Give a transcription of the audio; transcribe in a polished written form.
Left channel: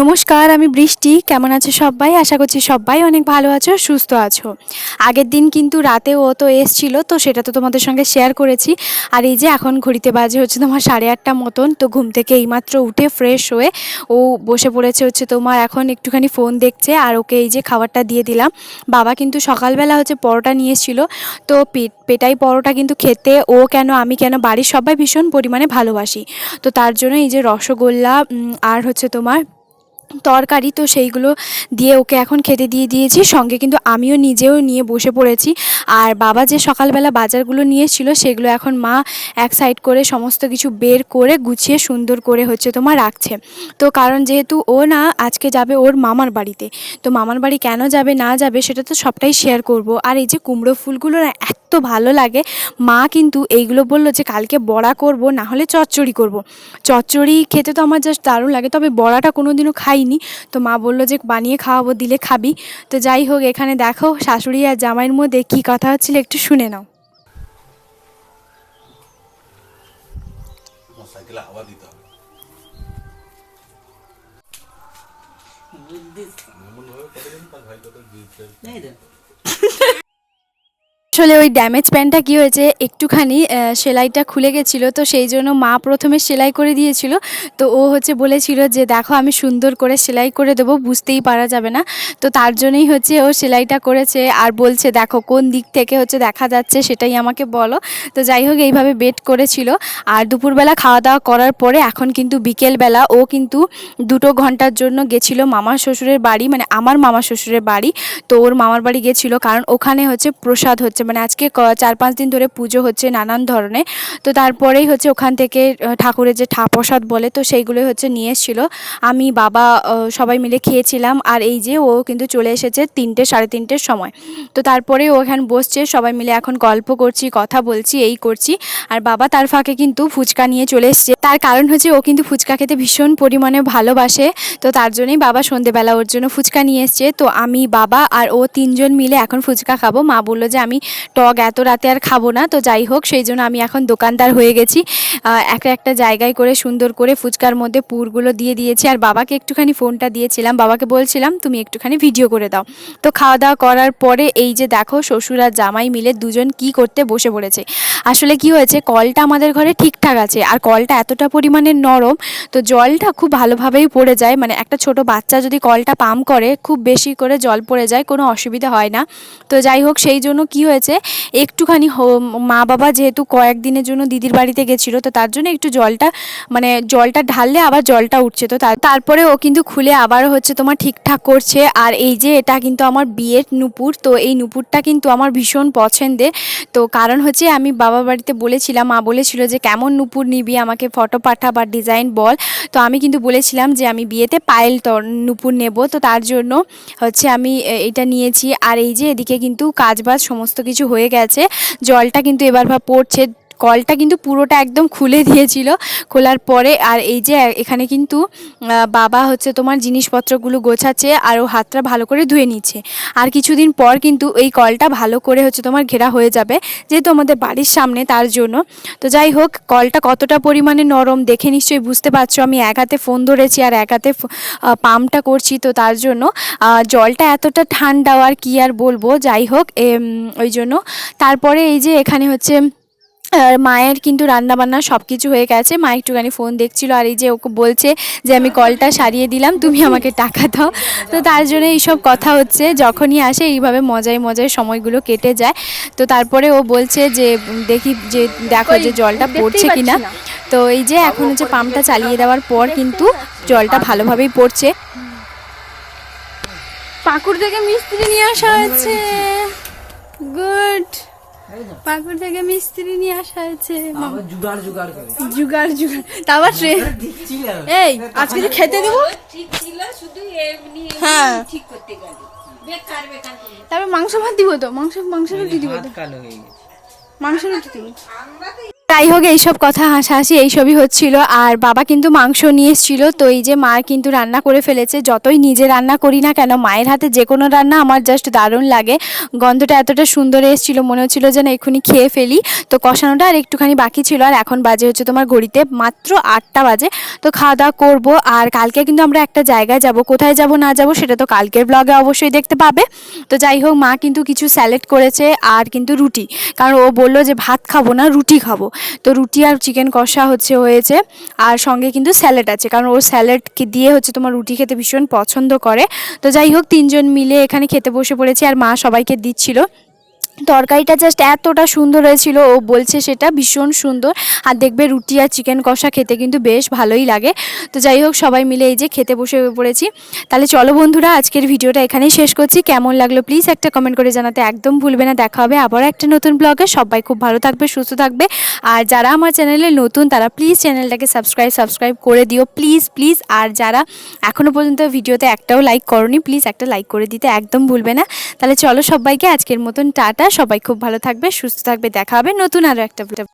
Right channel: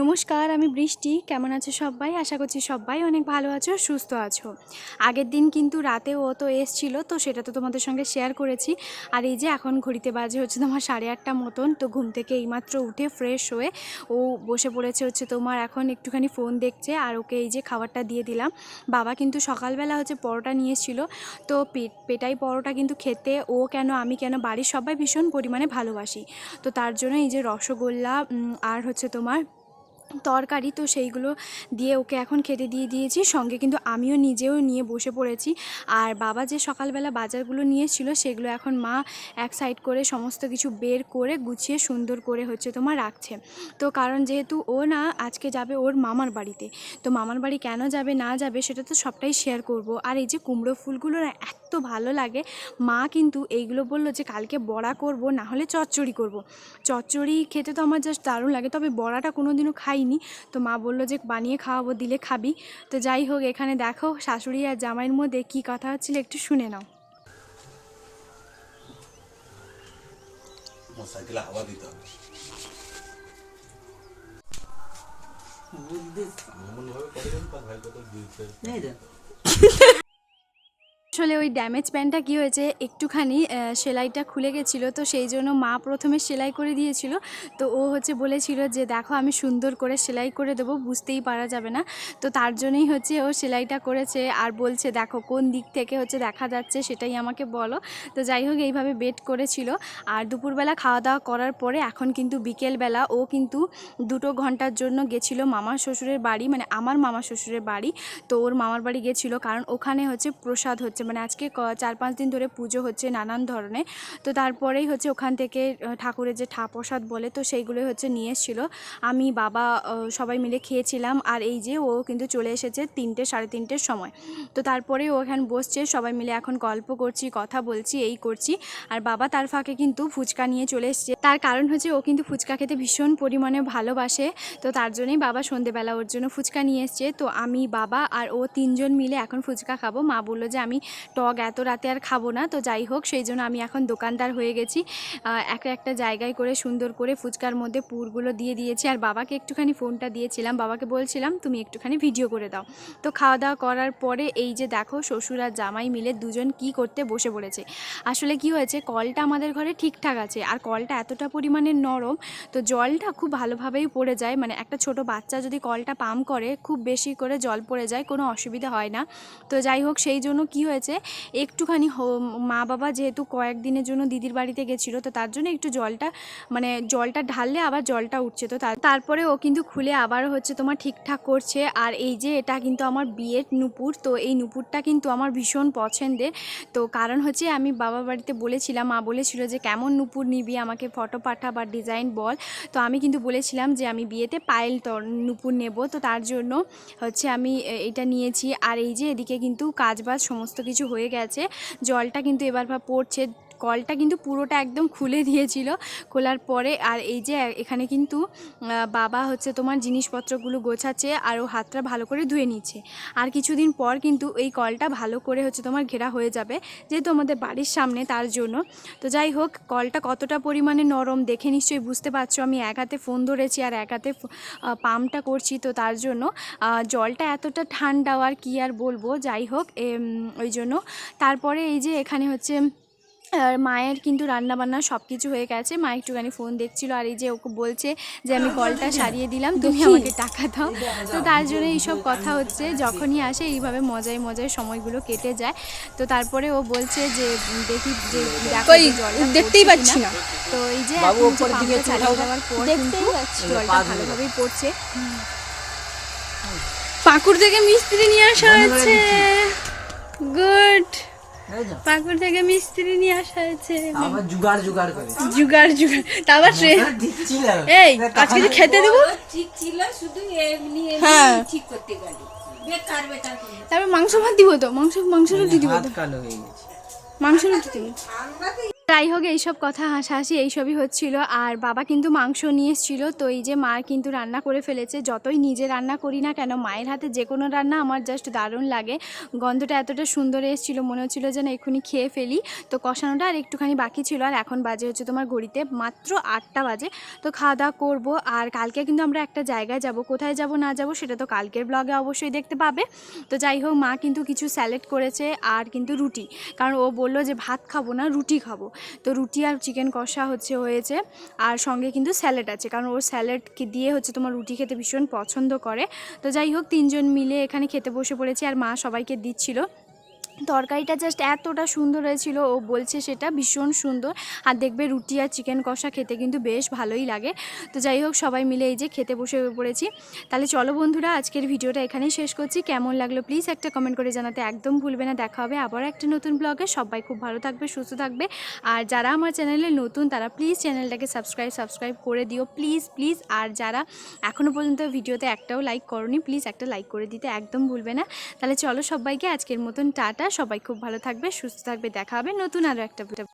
নমস্কার, আমি বৃষ্টি। কেমন আছো সবাই? আশা করছি সবাই অনেক ভালো আছো, সুস্থ আছো। আগের দিন কিন্তু রাতে ও তো এসছিল, তো সেটা তো তোমাদের সঙ্গে শেয়ার করেছি। আর এই যে এখন ঘড়িতে বাজে হচ্ছে তোমার 8:30 মতন। তো ঘুম থেকে এইমাত্র উঠে ফ্রেশ হয়ে ও বসে পড়েছে হচ্ছে তোমার এখন একটুখানি ফোন দেখছে। আর ওকে এই যে খাবারটা দিয়ে দিলাম। বাবা কিন্তু সকালবেলা হচ্ছে পরোটা নিয়ে এসেছিলো, তো পেটাই পরোটা কিন্তু খেতে ও কেন আমি কেন বাড়ির সবাই ভীষণ পরিমাণে ভালোবাসি। তো তার জন্য এই যে রসগোল্লা আর হচ্ছে তোমার তরকারি, তো সেইগুলো দিয়ে ওকে এখন খেতে দিয়ে দিয়েছি। সঙ্গে কিন্তু আমিও নিজেও নিয়ে বসে পড়েছি। আর বাবা যে সকালবেলা বাজারগুলো নিয়ে এসেছিলো সেগুলো এখন মা এক সাইড করে সমস্ত কিছু বের করে গুছিয়ে সুন্দর করে হচ্ছে তোমার রাখছে। তো কারণ যেহেতু ও না আজকে যাবে ওর মামার বাড়িতে, তো মামার বাড়ি কেন যাবে না যাবে সেটা তো সবটাই শেয়ার করব। আর এই যে কুমড়ো ফুলগুলো না এত ভালো লাগে, মা কিন্তু এইগুলো বললো যে কালকে বড়া করব, না হলে চচ্চড়ি করব। চচ্চড়ি খেতে তো আমার জাস্ট দারুণ লাগে, তবে বড়াটা কোনো দিনও খাইনি। তো মা বললো যে বানিয়ে খাওয়াবো, দিলে খাবি। তো যাই হোক, এখানে দেখো শাশুড়ি আর জামাইয়ের মধ্যে কী কথা হচ্ছিল একটু শুনে নাও। আসলে ওই ড্যামেজ প্যান্টটা কী হয়েছে, একটুখানি সেলাইটা খুলে গেছিলো, তো সেই জন্য মা প্রথমে সেলাই করে দিয়েছিল। তো ও হচ্ছে বলেছিল যে দেখো আমি সুন্দর করে সেলাই করে দেবো, বুঝতেই পারা যাবে না। তো তার জন্যই হচ্ছে ও সেলাইটা করেছে। আর বলছে দেখো কোন দিক থেকে হচ্ছে দেখা যাচ্ছে সেটাই আমাকে বলো। তো যাই হোক, এইভাবে বেট করেছিল। আর দুপুরবেলা খাওয়া দাওয়া করার পরে এখন কিন্তু বিকেলবেলা ও কিন্তু 2 ঘন্টার জন্য গেছিলো মামার শ্বশুরের বাড়ি, মানে আমার মামার শ্বশুরের বাড়ি। তো ওর মামার বাড়ি গেছিলো, কারণ ওখানে হচ্ছে প্রসাদ হচ্ছে, মানে আজকে 4-5 দিন ধরে পুজো হচ্ছে নানান ধরনের। তো তারপরেই হচ্ছে ওখান থেকে ঠাকুরের যে প্রসাদ বলে, তো সেইগুলোই হচ্ছে নিয়ে এসেছিলো। আমি বাবা সবাই মিলে খেয়েছিলাম। আর এই যে ও কিন্তু চলে এসেছে 3টে 3:30-র সময়। তো তারপরে ও এখানে বসছে, সবাই মিলে এখন গল্প করছি, কথা বলছি, এই করছি। আর বাবা তার ফাঁকে কিন্তু ফুচকা নিয়ে চলে এসছে। তার কারণ হচ্ছে ও কিন্তু ফুচকা খেতে ভীষণ পরিমাণে ভালোবাসে। তো তার জন্যই বাবা সন্ধেবেলা ওর জন্য ফুচকা নিয়ে এসছে। তো আমি, বাবা আর ও 3জন মিলে এখন ফুচকা খাবো। মা বললো যে আমি টক এত রাতে আর খাবো না। তো যাই হোক, সেই জন্য আমি এখন দোকানদার হয়ে গেছি। একটা জায়গায় করে সুন্দর করে ফুচকার মধ্যে পুরগুলো দিয়ে দিয়েছি। আর বাবাকে একটুখানি ফোনটা দিয়েছিলাম, বাবাকে বলছিলাম তুমি একটুখানি ভিডিও করে দাও। তো খাওয়া দাওয়া করার পরে এই যে দেখো শ্বশুর আর জামাই মিলে দুজন কি করতে বসে পড়েছে। আসলে কি হয়েছে, কলটা আমাদের ঘরে ঠিকঠাক আছে, আর কলটা এতটা পরিমাণে নরম, তো জলটা খুব ভালোভাবেই পড়ে যায়। মানে একটা ছোট বাচ্চা যদি কলটা পাম্প করে, খুব বেশি করে জল পড়ে যায়, কোনো অসুবিধা হয় না। তো যাই হোক, সেই জন্য কি হয়েছে, একটুখানি মা বাবা যেহেতু কয়েকদিনের জন্য দিদির বাড়িতে গেছিলো, তো তার জন্য একটু জলটা ঢাললে আবার জলটা উঠছে। তো তারপরে ও কিন্তু খুলে আবার হচ্ছে তোমার ঠিকঠাক করছে। আর এই যে এটা কিন্তু আমার বিয়ের নুপুর, তো এই নুপুরটা কিন্তু আমার ভীষণ পছন্দের। তো কারণ হচ্ছে আমি বাবার বাড়িতে বলেছিলাম, মা বলেছিল যে কেমন নুপুর নিবি, আমাকে ফটো পাঠা বা ডিজাইন বল। তো আমি কিন্তু বলেছিলাম যে আমি বিয়েতে পায়েল নুপুর নেব। তো তার জন্য হচ্ছে আমি এটা নিয়েছি। আর এই যে এদিকে কিন্তু কাজবাজ সমস্ত কিছু হয়ে গেছে, জলটা কিন্তু এবার পড়ছে। কলটা কিন্তু পুরোটা একদম খুলে দিয়েছিল, খোলার পরে। আর এই যে এখানে কিন্তু বাবা হচ্ছে তোমার জিনিসপত্রগুলো গোছাচ্ছে, আর ও হাতটা ভালো করে ধুয়ে নিচ্ছে। আর কিছুদিন পর কিন্তু এই কলটা ভালো করে হচ্ছে তোমার ঘেরা হয়ে যাবে, যেহেতু আমাদের বাড়ির সামনে, তার জন্য। তো যাই হোক, কলটা কতটা পরিমাণে নরম দেখে নিশ্চয়ই বুঝতে পারছো। আমি এক হাতে ফোন ধরেছি আর এক হাতে পাম্পটা করছি, তো তার জন্য জলটা এতটা ঠান্ডা, আর কি আর বলবো। যাই হোক, ওই জন্য তারপরে এই যে এখানে হচ্ছে মায়ের কিন্তু রান্নাবান্না সব কিছু হয়ে গেছে। মা একটুখানি ফোন দেখছিল, আর এই যে ওকে বলছে যে আমি কলটা সারিয়ে দিলাম, তুমি আমাকে টাকা দাও। তো তার জন্য এইসব কথা হচ্ছে, যখনই আসে এইভাবে মজায় মজায় সময়গুলো কেটে যায়। তো তারপরে ও বলছে যে দেখি যে দেখো যে জলটা পড়ছে কিনা। তো এই যে এখন হচ্ছে পাম্পটা চালিয়ে দেওয়ার পর কিন্তু জলটা ভালোভাবেই পড়ছে। পাকুড় থেকে মিস্ত্রি নিয়ে আসা হয়েছে। গুড, পাকুড় থেকে মিস্ত্রি নিয়ে আসা হয়েছে। জুগাড় তারপর এই আজকে যে খেতে দেবো, হ্যাঁ তারপর মাংস ভাত দিব, তো মাংস রুটি দিব, মাংস রুটি দিব। যাই হোক এইসব কথা হাসাহাসি এইসবই হচ্ছিল। আর বাবা কিন্তু মাংস নিয়ে এসেছিল, তো এই যে মা কিন্তু রান্না করে ফেলেছে। যতই নিজে রান্না করি না কেন, মায়ের হাতে যে কোনো রান্না আমার জাস্ট দারুণ লাগে। গন্ধটা এতটা সুন্দর এসেছিল, মনে হচ্ছিল যেন এক্ষুনি খেয়ে ফেলি। তো কষানোটা আর একটুখানি বাকি ছিল। আর এখন বাজে হচ্ছে তোমার ঘড়িতে মাত্র 8টা বাজে। তো খাওয়া দাওয়া করবো। আর কালকে কিন্তু আমরা একটা জায়গায় যাব, কোথায় যাব না যাব সেটা তো কালকের ব্লগে অবশ্যই দেখতে পাবে। তো যাই হোক, মা কিন্তু কিছু স্যালাড করেছে আর কিন্তু রুটি, কারণ ও বললো যে ভাত খাবো না, রুটি খাবো। তো রুটি আর চিকেন কষা হয়েছে, আর সঙ্গে কিন্তু স্যালাড আছে, কারণ ও স্যালাড দিয়ে হচ্ছে তোমার রুটি খেতে ভীষণ পছন্দ করে। তো যাই হোক, 3জন মিলে এখানে খেতে বসে পড়েছি আর মা সবাইকে দিচ্ছিল। তরকারিটা জাস্ট এতটা সুন্দর হয়েছিল, ও বলছে সেটা ভীষণ সুন্দর। আর দেখবে রুটি আর চিকেন কষা খেতে কিন্তু বেশ ভালোই লাগে। তো যাই হোক, সবাই মিলে এই যে খেতে বসে পড়েছি। তাহলে চলো বন্ধুরা, আজকের ভিডিওটা এখানেই শেষ করছি। কেমন লাগলো প্লিজ একটা কমেন্ট করে জানাতে একদম ভুলবে না। দেখা হবে আবার একটা নতুন ব্লগে। সবাই খুব ভালো থাকবে, সুস্থ থাকবে। আর যারা আমার চ্যানেলে নতুন তারা প্লিজ চ্যানেলটাকে সাবস্ক্রাইব করে দিও, প্লিজ প্লিজ। আর যারা এখনও পর্যন্ত ভিডিওতে একটাও লাইক করোনি, প্লিজ একটা লাইক করে দিতে একদম ভুলবে না। তাহলে চলো সবাইকে আজকের মতন টাটা। সবাই খুব ভালো থাকবে, সুস্থ থাকবে। দেখা হবে নতুন আরও একটা